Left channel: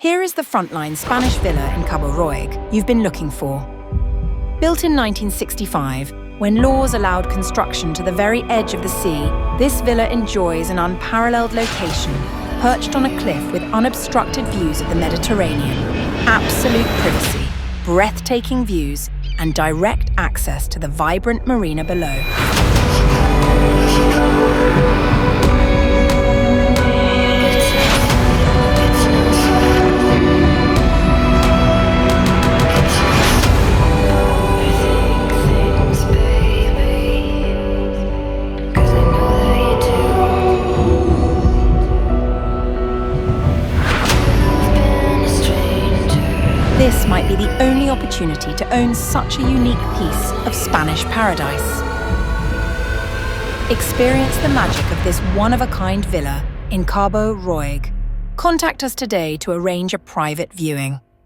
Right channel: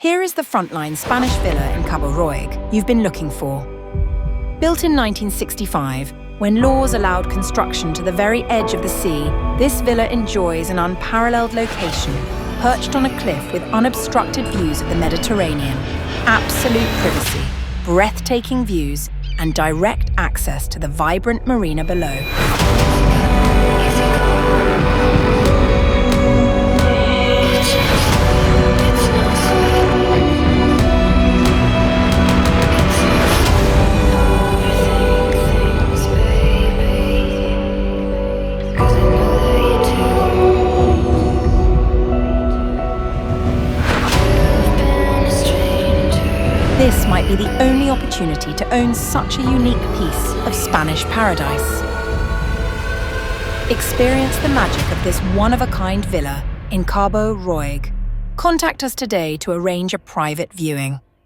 Here is the frontline Spanish villa in Cabo Roig you've been looking for. Built in 1965, when laws allowed construction to the very edge of the sea, this villa enjoys an unparalleled location, perched on a cliff with unobstructed views of the Mediterranean, absolute privacy, breathtaking views, and direct access to the vibrant marina below. This might be the only opportunity to own such a unique piece of Spanish paradise. Experience the magic of this one-of-a-kind villa in Cabo Roig. Contact us today to arrange a private viewing.